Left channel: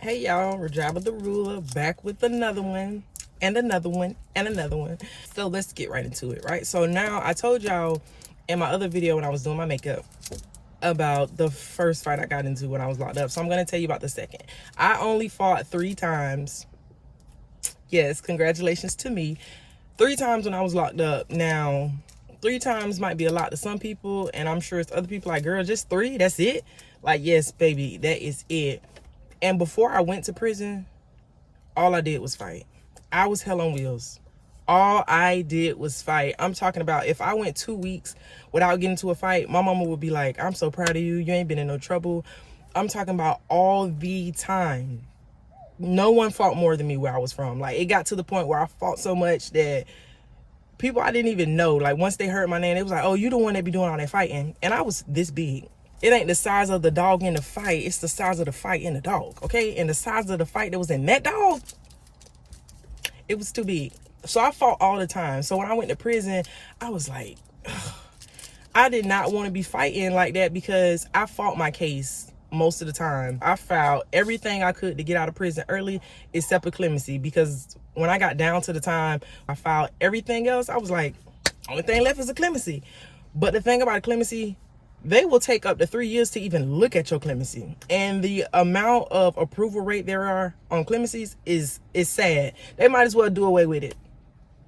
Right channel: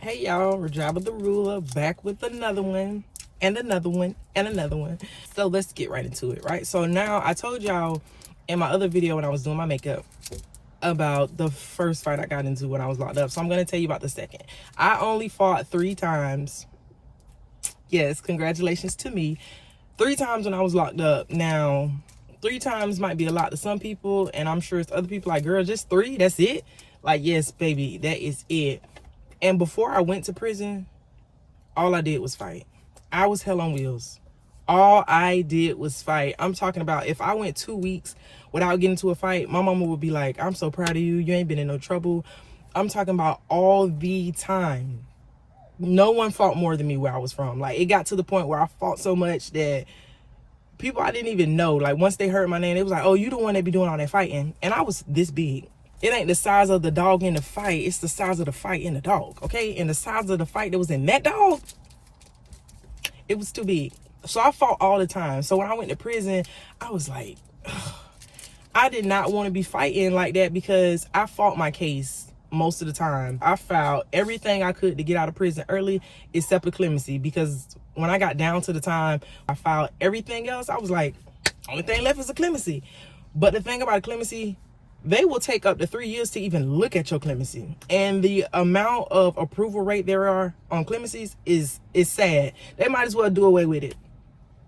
Hey y'all, Rajaba the Ruler back with another one and another one and another one. So let's get right into it, right? So now I told y'all in my other video when I was doing my makeup about the first fight I got into when I was locked up. So I'm going to tell you about the second. I only fought 3 times. Yes, congratulations to me. 3 times when I was locked up. Now, 3 times might be a lot to some people, and I'm sure it's other people like, girl, just 3? That's it? Like, yes, baby, that is it. And before I went to prison, all I did was fight. I was hell on wheels. All I did was fight. I'm talking about if I went 2 weeks without getting into a fight, my mama would be like, I'm so proud of you. You ain't been in no trouble. I'm talking about all the time. No one fought more than me where I was from. Like, it got to the point where I fought so much that people I didn't even know, like, once they heard my name, it was like, oh, you the one that be doing all that fighting. And I was this big. It ain't the size of the dog in the fight. It's the size of the fight in the dog, okay? And the size of the fight that was in that dog, it was too big. So I fought all the time. So when I went to prison, I was like, ugh. I did not want to be fighting like that because I fought my case most of the time. I filed everything I could to get out of prison early except for clemency, because when I got down to the time I filed everything else, I was like, only thing left is a clemency. But the thing about a clemency, they will take up to 3 years to even look at your clemency. And the amount of approval rate there are on clemencies is sad. They might as well do away with it.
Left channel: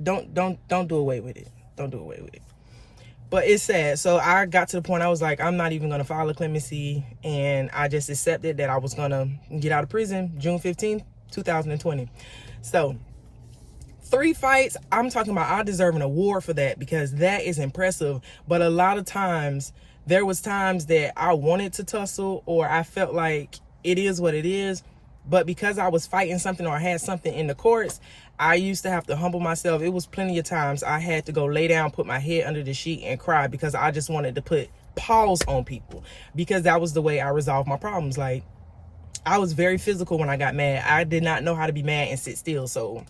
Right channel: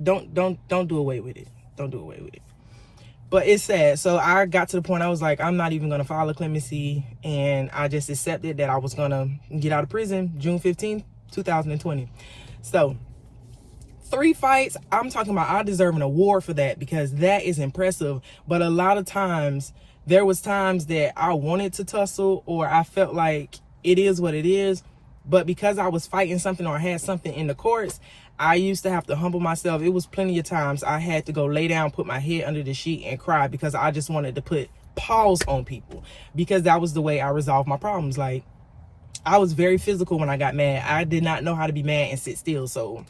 Don't do away with it. Don't do away with it. But it's sad. So I got to the point I was like, I'm not even going to file a clemency. And I just accepted that I was going to get out of prison June 15th, 2020. So 3 fights, I'm talking about I deserve an award for that because that is impressive. But a lot of times, there was times that I wanted to tussle or I felt like it is what it is. But because I was fighting something or I had something in the courts, I used to have to humble myself. It was plenty of times I had to go lay down, put my head under the sheet and cry because I just wanted to put pause on people, because that was the way I resolved my problems. Like, I was very physical when I got mad. I did not know how to be mad and sit still. So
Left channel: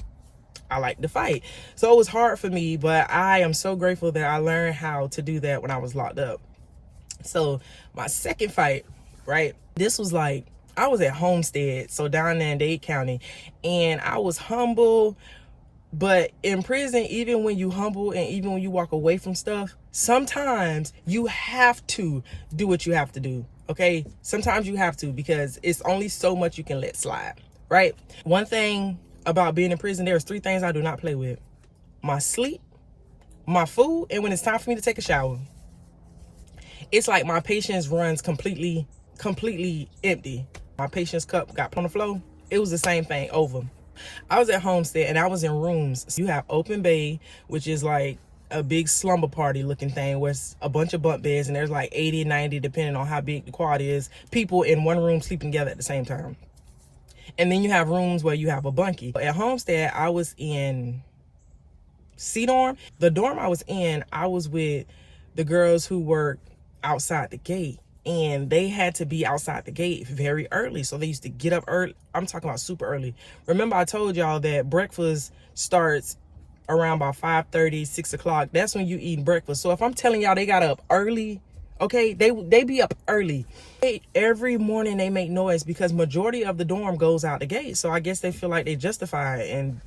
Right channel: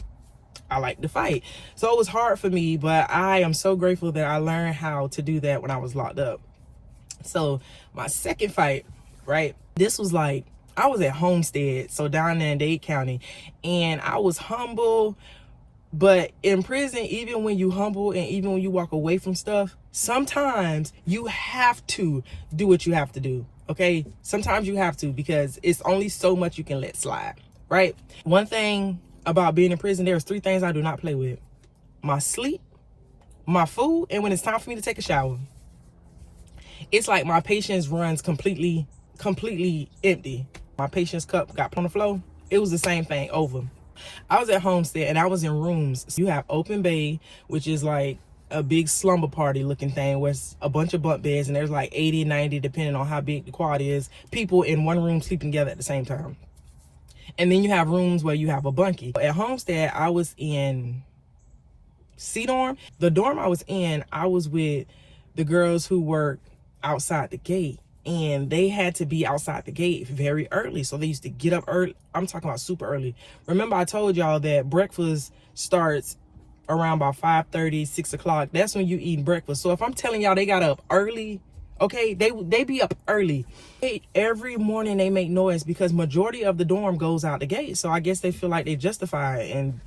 I like to fight. So it was hard for me, but I am so grateful that I learned how to do that when I was locked up. So my second fight, right, this was like, I was at Homestead, so down there in Dade County, and I was humble. But in prison, even when you humble and even when you walk away from stuff, sometimes you have to do what you have to do, okay? Sometimes you have to, because it's only so much you can let slide, right? One thing about being in prison, there's 3 things I do not play with: my sleep, my food, and when it's time for me to take a shower. It's like my patience runs completely empty. My patience cup got put on the floor. It was the same thing over. I was at Homestead and I was in rooms. So you have open bay, which is like a big slumber party looking thing where it's a bunch of bunk beds and there's like 80, 90, depending on how big the quad is, people in one room sleeping together at the same time. And then you have rooms where you have a bunkie. At Homestead, I was in C dorm. The dorm I was in, I was with the girls who worked outside the gate, and they had to be outside the gate very early. So they used to get up early. I'm talking about super early. Remember I told y'all that breakfast starts around about 5:30, 6 o'clock. That's when you eat breakfast. So if I'm telling y'all they got up early, okay, they be up early. Every morning they make noise because majority of the dorm goes out the gate. So I guess they feel like they justify it and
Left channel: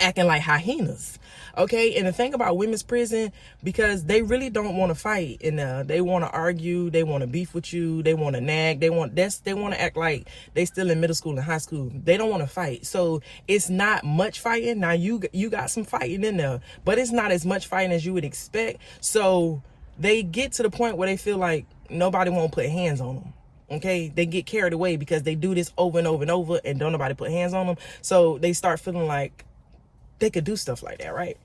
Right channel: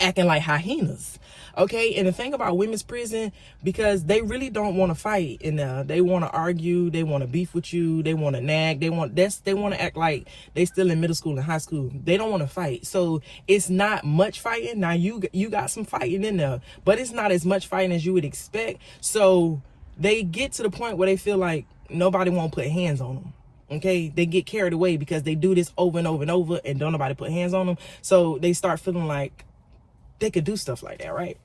acting like hyenas, okay? And the thing about women's prison, because they really don't want to fight, and they want to argue, they want to beef with you, they want to nag, they want to act like they still in middle school and high school. They don't want to fight. So it's not much fighting. Now you got some fighting in there, but it's not as much fighting as you would expect. So they get to the point where they feel like nobody won't put hands on them. Okay, they get carried away because they do this over and over and over and don't nobody put hands on them. So they start feeling like they could do stuff like that, right?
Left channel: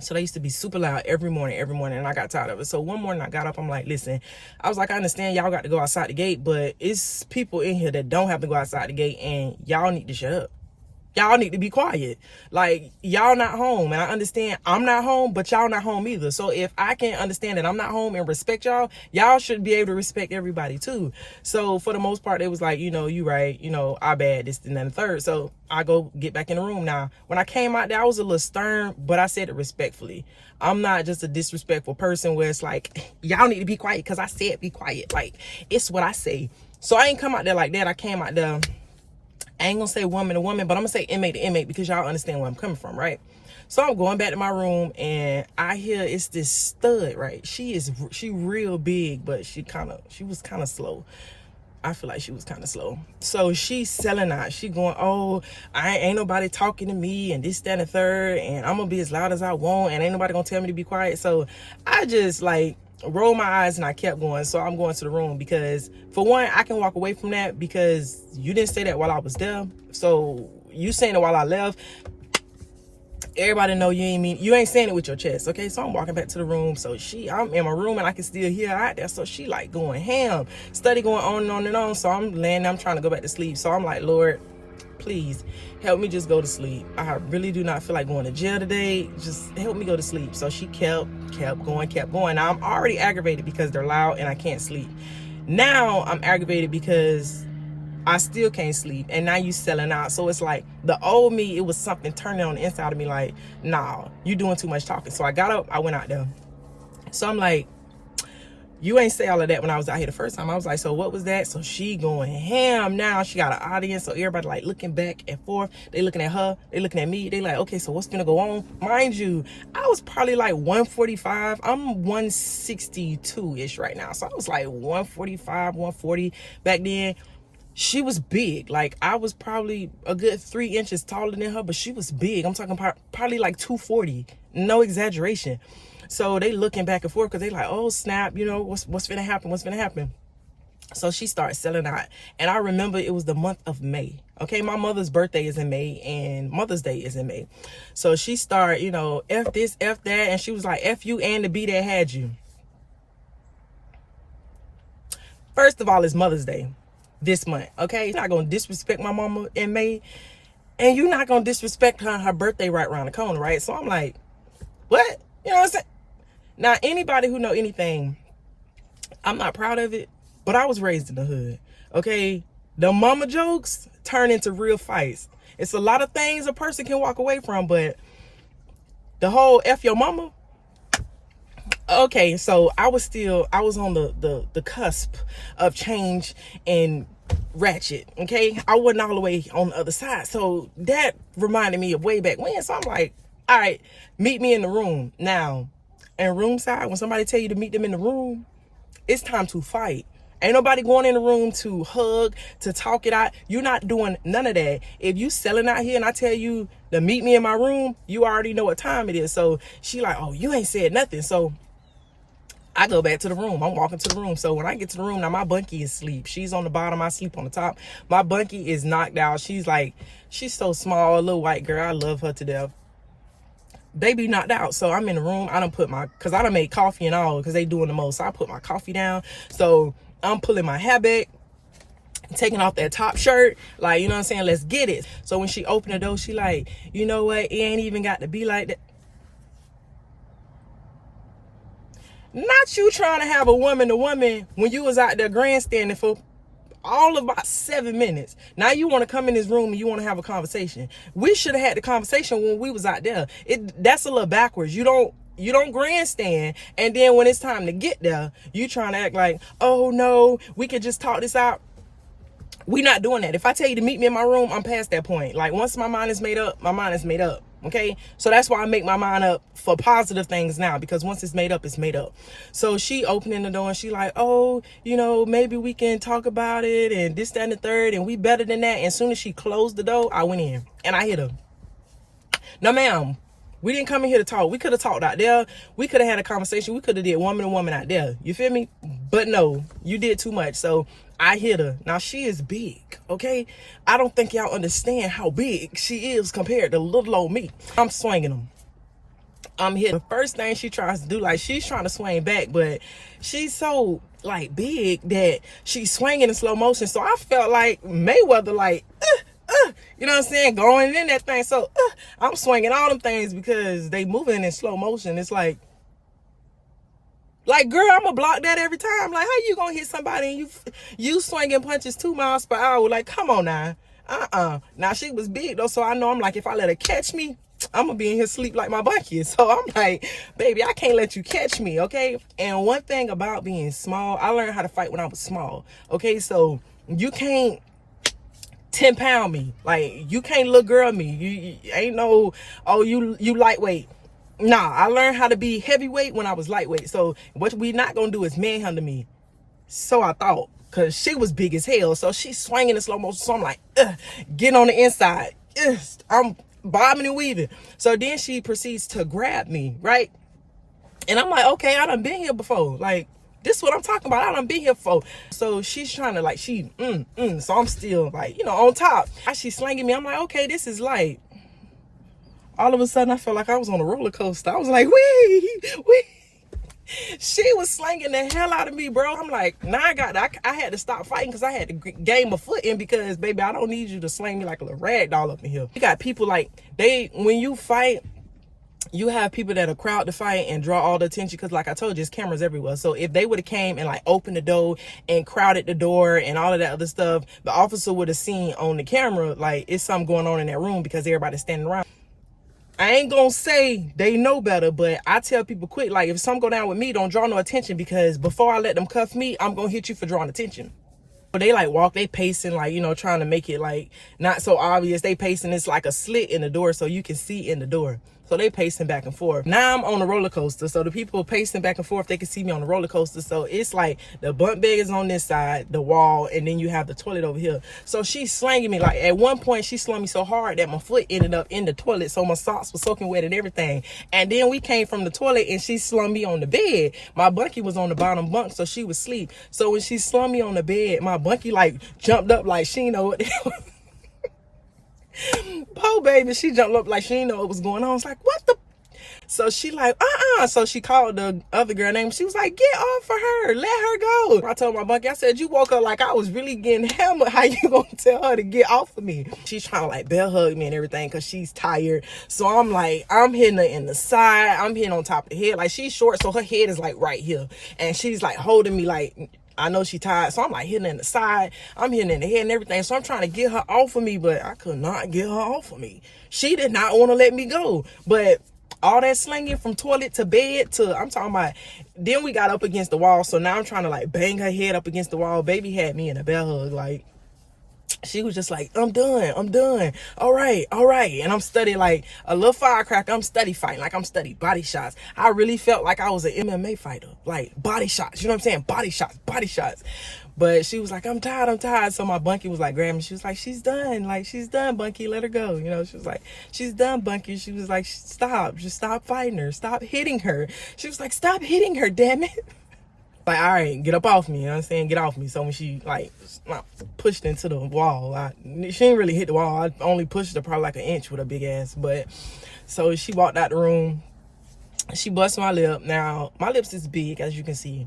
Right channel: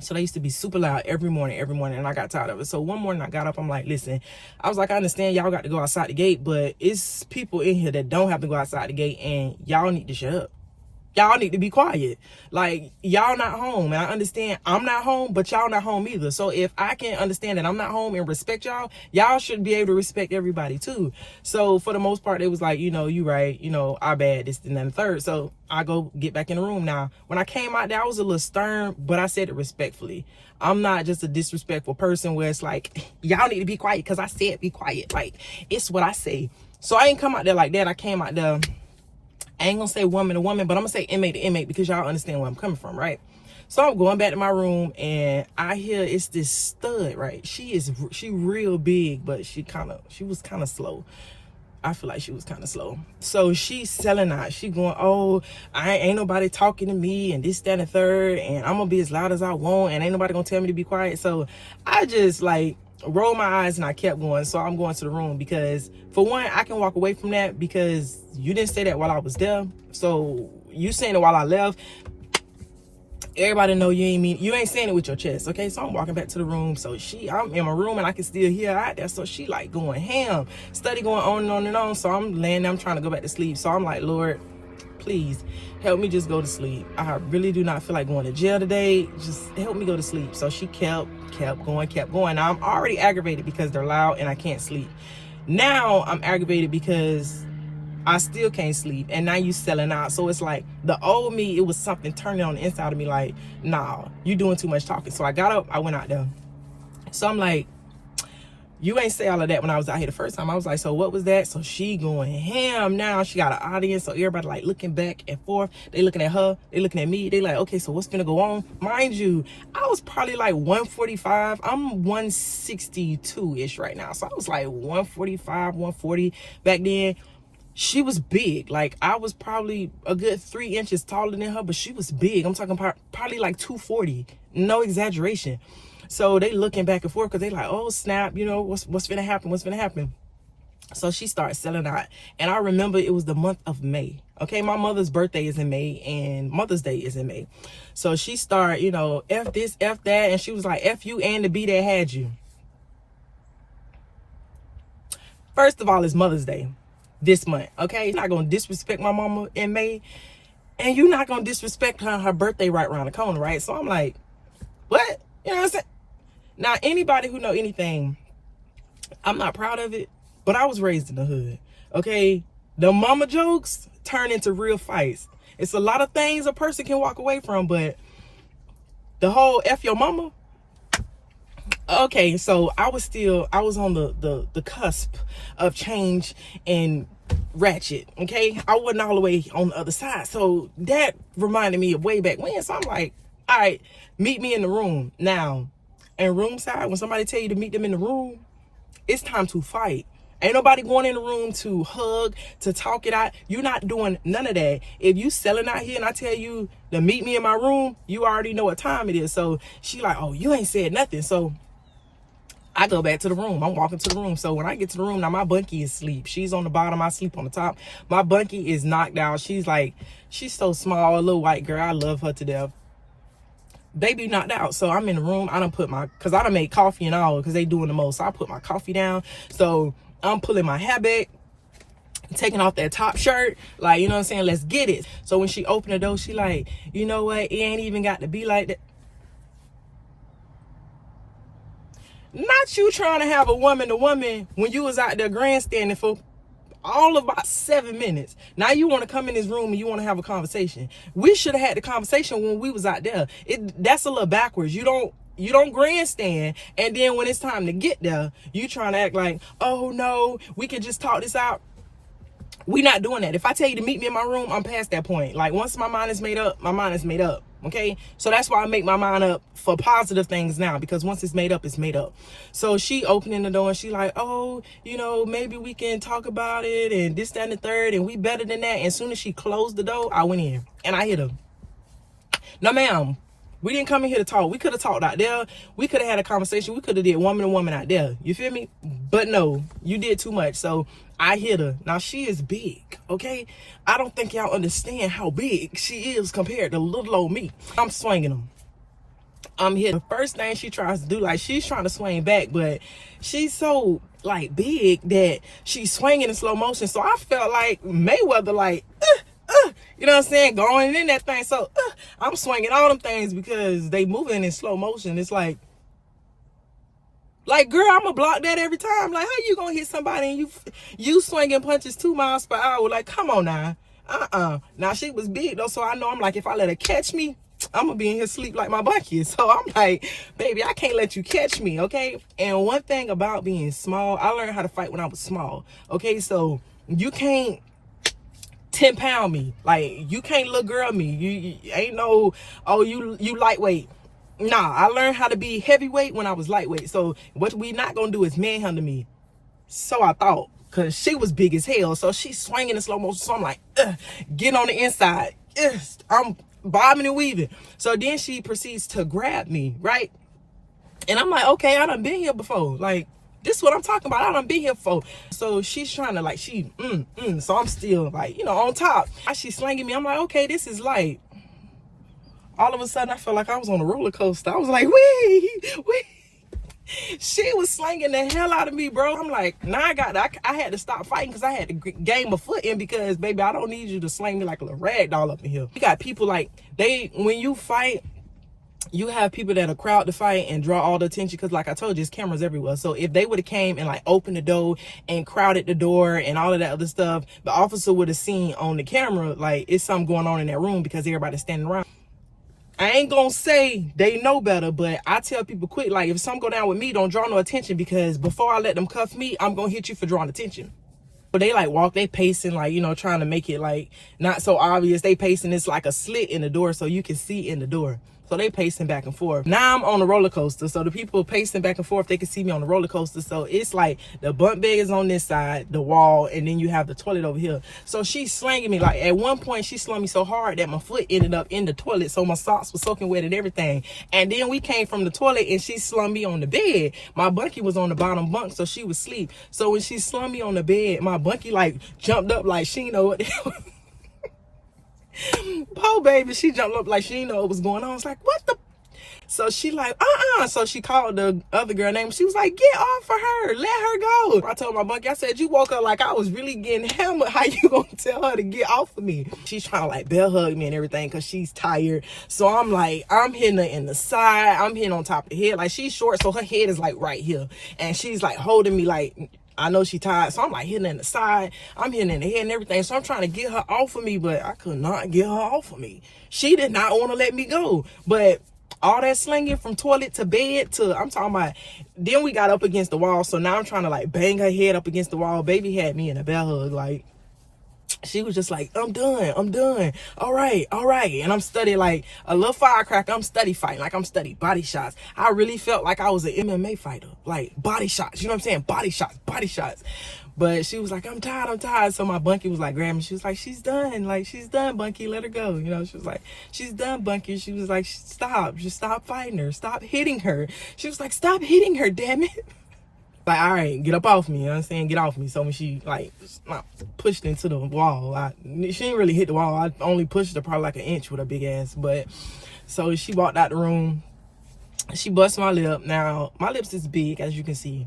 So they used to be super loud every morning, and I got tired of it. So one morning I got up, I'm like, listen, I was like, I understand y'all got to go outside the gate, but it's people in here that don't have to go outside the gate, and y'all need to shut up. Y'all need to be quiet. Like, y'all not home. And I understand I'm not home, but y'all not home either. So if I can understand that I'm not home and respect y'all, y'all should be able to respect everybody too. So for the most part, it was like, you right, I bad, this and then the third. So I go get back in the room. Now, when I came out there, I was a little stern, but I said it respectfully. I'm not just a disrespectful person where it's like, y'all need to be quiet because I said be quiet. Like, it's what I say. So I ain't come out there like that. I came out there I ain't gonna say woman to woman, but I'm gonna say inmate to inmate because y'all understand where I'm coming from, right? So I'm going back to my room and I hear it's this stud, right? She real big, but she was kind of slow. I feel like she was kind of slow. So she's selling out. She going, oh, I ain't nobody talking to me and this, that, and the third, and I'm gonna be as loud as I want and ain't nobody gonna tell me to be quiet. So I just like rolled my eyes and I kept going. So I'm going to the room because for one, I can walk away from that because you didn't say that while I was there. So you saying it while I left. Everybody know you ain't saying it with your chest, okay? So I'm walking back to the room. So I'm in my room and I can still hear her out there. So she like going ham, study going on and on and on. So I'm laying there, I'm trying to go back to sleep. So I'm like, Lord, please help me just go to sleep. I really do not feel like going to jail today. Just help me go to sleep. So she kept going. Now I'm already aggravated because they're loud and I can't sleep. Now I'm aggravated because I still can't sleep, and now you selling out. So it's like the old me, it was something turning on the inside of me like, nah, you doing too much talking. So I got up, I went out there. So I'm like, you ain't say all of that when I was out here the first time. I was like, so what was that? So she going ham now. She got an audience, so everybody like looking back and forth. They looking at her, they looking at me. They like, okay, so what's gonna go on? Mind you, I was probably like 145. I'm 162-ish right now. So I was like 145, 140 back then. She was big. Like I was probably a good 3 inches taller than her, but she was big. I'm talking probably like 240. No exaggeration. So they looking back and forth because they like, oh snap, you know, what's gonna happen? What's gonna happen? So she started selling out. And I remember it was the month of May. Okay, my mother's birthday is in May and Mother's Day is in May. So she started, you know, F this, F that, and she was like, F you and the B that had you. First of all, it's Mother's Day this month, okay? You're not gonna disrespect my mama in May, and you're not gonna disrespect her birthday right around the corner, right? So I'm like, what? You know what I'm saying? Now, anybody who know anything, I'm not proud of it, but I was raised in the hood, okay? The mama jokes turn into real fights. It's a lot of things a person can walk away from, but the whole F your mama, okay, so I was on the cusp of change and ratchet, okay? I wasn't all the way on the other side. So that reminded me of way back when. So I'm like, all right, meet me in the room. Now, in room side, when somebody tell you to meet them in the room, it's time to fight. Ain't nobody going in the room to hug, to talk it out. You're not doing none of that. If you selling out here and I tell you to meet me in my room, you already know what time it is. So she like, oh, you ain't said nothing. So I go back to the room. I'm walking to the room. So when I get to the room, now my bunkie is asleep. She's on the bottom. I sleep on the top. My bunkie is knocked out. She's so small, a little white girl. I love her to death. Baby knocked out. So I'm in the room. I cause I done made coffee and all because they doing the most. So I put my coffee down. So I'm pulling my hair back, taking off that top shirt. Like, you know what I'm saying? Let's get it. So when she opened the door, she like, you know what? It ain't even got to be like that. Not you trying to have a woman to woman when you was out there grandstanding for all of about 7 minutes. Now you want to come in this room and you want to have a conversation. We should have had the conversation when we was out there. That's a little backwards. You don't grandstand, and then when it's time to get there, you trying to act like, oh no, we can just talk this out. We not doing that. If I tell you to meet me in my room, I'm past that point. Like once my mind is made up, my mind is made up. Okay, so that's why I make my mind up for positive things now, because once it's made up, it's made up. So she opening the door and she like, oh, you know, maybe we can talk about it and this, that, and the third, and we better than that. And as soon as she closed the door, I went in and I hit her. No, ma'am, we didn't come in here to talk. We could have talked out there. We could have had a conversation. We could have did woman to woman out there. You feel me? But no, you did too much. So I hit her. Now she is big, okay? I don't think y'all understand how big she is compared to little old me. I'm swinging them. I'm hitting. The first thing she tries to do, like she's trying to swing back, but she's so like big that she's swinging in slow motion. So I felt like Mayweather, like, you know what I'm saying, going in that thing. So I'm swinging all them things because they moving in slow motion. It's like, girl, I'm gonna block that every time. Like, how you gonna hit somebody and you swinging punches 2 miles per hour? Like, come on now. Now she was big though, so I know I'm like, if I let her catch me, I'm gonna be in here sleep like my bunkie. So I'm like, baby, I can't let you catch me, okay? And one thing about being small, I learned how to fight when I was small, okay? So you can't 10-pound me. Like, you can't little girl me. You ain't no, oh, you lightweight. Nah, I learned how to be heavyweight when I was lightweight. So what we not gonna do is manhandle me. So I thought, cause she was big as hell. So she's swinging in slow motion. So I'm like, get on the inside. I'm bobbing and weaving. So then she proceeds to grab me, right? And I'm like, okay, I done been here before. Like, this is what I'm talking about. I done been here before. So she's trying to like, so I'm still like, you know, on top. She's slinging me. I'm like, okay, this is light. All of a sudden, I felt like I was on a roller coaster. I was like, wee. She was slinging the hell out of me, bro. I'm like, now I had to stop fighting because I had to gain my foot in because, baby, I don't need you to sling me like a little rag doll up in here. You got people like, when you fight, you have people that are crowd to fight and draw all the attention because, like I told you, there's cameras everywhere. So if they would have came and like opened the door and crowded the door and all of that other stuff, the officer would have seen on the camera like it's something going on in that room because everybody's standing around. I ain't gonna say they know better, but I tell people quick, like, if something go down with me, don't draw no attention because before I let them cuff me, I'm gonna hit you for drawing attention. But they like walk, they pacing, like, you know, trying to make it like not so obvious. They pacing, it's like a slit in the door so you can see in the door. So they pacing back and forth. Now I'm on a roller coaster. So the people pacing back and forth, they can see me on the roller coaster. So it's like the bunk bed is on this side, the wall, and then you have the toilet over here. So she's slanging me. Like at one point, she slung me so hard that my foot ended up in the toilet. So my socks were soaking wet and everything. And then we came from the toilet and she slung me on the bed. My bunkie was on the bottom bunk, so she was asleep. So when she slung me on the bed, my bunkie like jumped up like she know what poor baby, she jumped up like she didn't know what was going on. I was like, what the? So she like, So she called the other girl name. She was like, get off of her. Let her go. I told my bunkie, I said, you woke up like I was really getting hammered. How you gonna tell her to get off of me? She's trying to like bell hug me and everything because she's tired. So I'm like, I'm hitting her in the side. I'm hitting on top of the head. Like she's short, so her head is like right here. And she's like holding me like, I know she tired, so I'm like hitting in the side. I'm hitting in the head and everything. So I'm trying to get her off of me, but I could not get her off of me. She did not want to let me go. But all that slinging from toilet to bed to, I'm talking about, then we got up against the wall. So now I'm trying to like bang her head up against the wall. Baby had me in a bell hug. Like, she was just like, I'm done. All right. And I'm studying like a little firecracker. I'm study fighting. Like I'm study body shots. I really felt like I was an MMA fighter. Like body shots. You know what I'm saying? Body shots. But she was like, I'm tired. So my bunkie was like grabbing me. She was like, she's done. Like, she's done, bunkie. Let her go. You know, she was like, she's done, bunkie. She was like, stop. Just stop fighting her. Stop hitting her. She was like, stop hitting her, damn it. Like, all right, get up off me. You know what I'm saying? Get off me. So when she, like, pushed into the wall, she didn't really hit the wall. I only pushed her probably like an inch with her big ass. But, so she walked out the room. She busted my lip. Now, my lips is big, as you can see.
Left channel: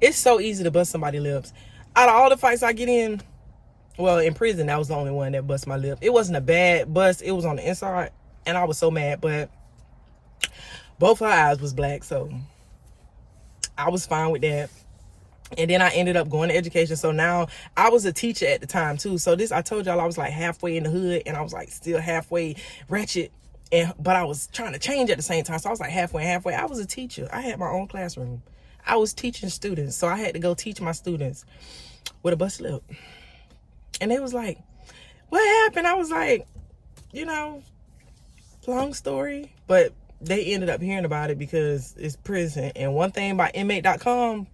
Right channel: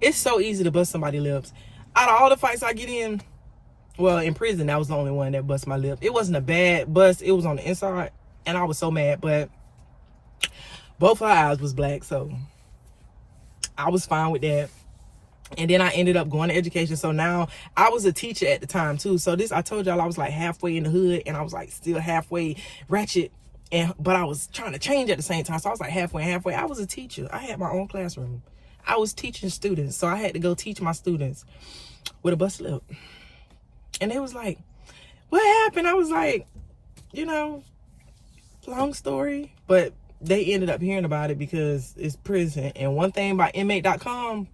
It's so easy to bust somebody's lips. Out of all the fights I get in, well, in prison, that was the only one that bust my lip. It wasn't a bad bust. It was on the inside. And I was so mad. But both her eyes was black, so I was fine with that. And then I ended up going to education. So now I was a teacher at the time too. So I told y'all I was like halfway in the hood and I was like still halfway ratchet. But I was trying to change at the same time. So I was like halfway. I was a teacher. I had my own classroom. I was teaching students. So I had to go teach my students with a bust lip. And they was like, what happened? I was like, you know, long story. But they ended up hearing about it because it's prison. And one thing about inmate.com,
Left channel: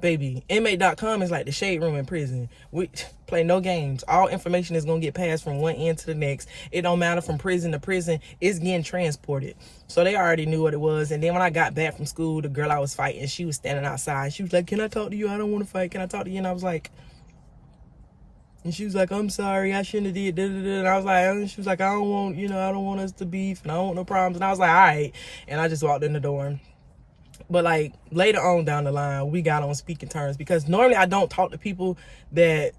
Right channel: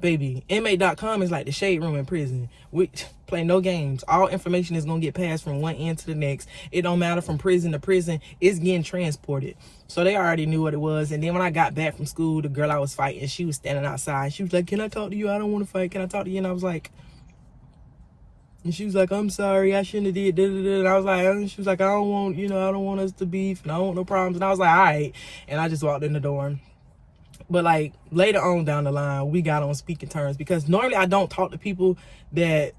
baby, inmate.com is like the shade room in prison. We play no games. All information is going to get passed from one end to the next. It don't matter from prison to prison. It's getting transported. So they already knew what it was. And then when I got back from school, the girl I was fighting, she was standing outside. She was like, can I talk to you? I don't want to fight. Can I talk to you? And I was like, and she was like, I'm sorry, I shouldn't have did. And I was like, and she was like, I don't want us to beef and I don't want no problems. And I was like, all right. And I just walked in the door. But like later on down the line, we got on speaking terms because normally I don't talk to people that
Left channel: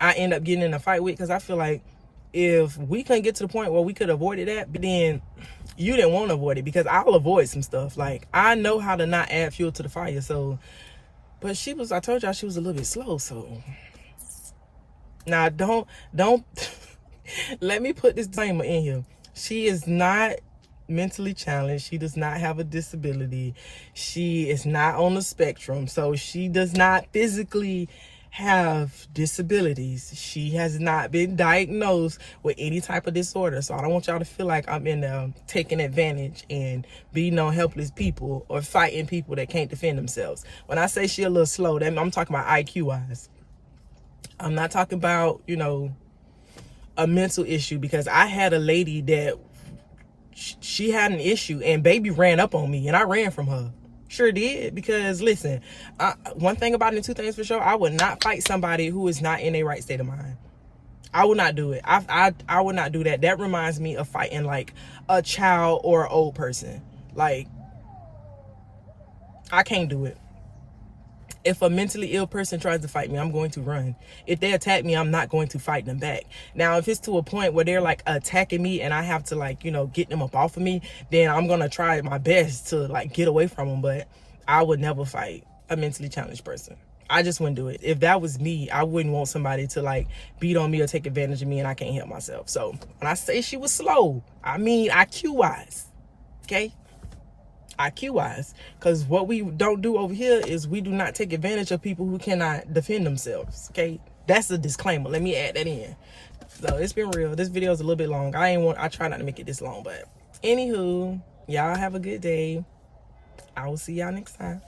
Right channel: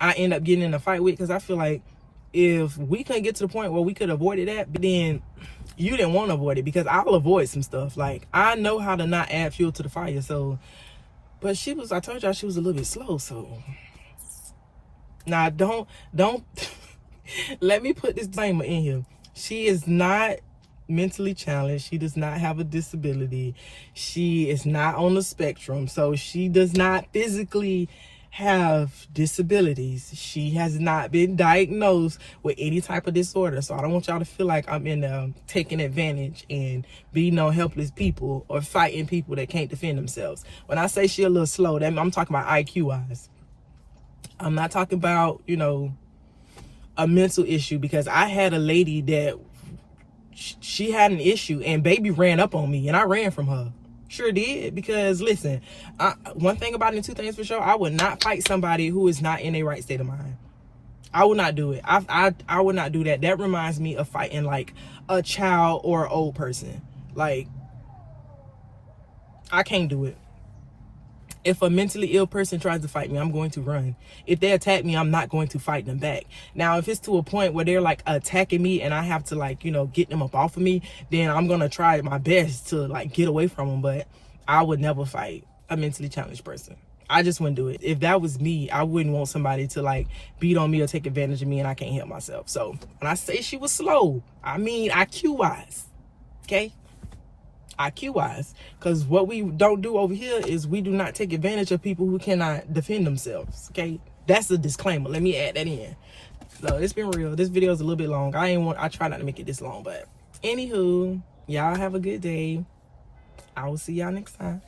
I end up getting in a fight with because I feel like if we couldn't get to the point where we could have avoided that, but then you didn't want to avoid it because I'll avoid some stuff. Like I know how to not add fuel to the fire. So, but I told y'all she was a little bit slow. So now don't let me put this disclaimer in here. She is not mentally challenged. She does not have a disability. She is not on the spectrum. So she does not physically have disabilities. She has not been diagnosed with any type of disorder. So I don't want y'all to feel like I'm in taking advantage and beating on helpless people or fighting people that can't defend themselves. When I say she a little slow, that I'm talking about IQ wise. I'm not talking about, you know, a mental issue, because I had a lady that she had an issue and baby ran up on me and I ran from her. Sure did. Because listen, one thing about it, and two things for sure, I would not fight somebody who is not in a right state of mind. I would not do it. I would not do that. That reminds me of fighting like a child or an old person. Like, I can't do it. If a mentally ill person tries to fight me, I'm going to run. If they attack me, I'm not going to fight them back. Now, if it's to a point where they're like attacking me and I have to, like, you know, get them up off of me, then I'm going to try my best to like get away from them. But I would never fight a mentally challenged person. I just wouldn't do it. If that was me, I wouldn't want somebody to like beat on me or take advantage of me and I can't help myself. So when I say she was slow, I mean IQ wise. Okay? IQ wise, because what we don't do over here is we do not take advantage of people who cannot defend themselves. Okay, that's a disclaimer. Let me add that in. So it's been real. This video is a little bit long. I try not to make it this long, but anywho, y'all have a good day. I will see y'all next time.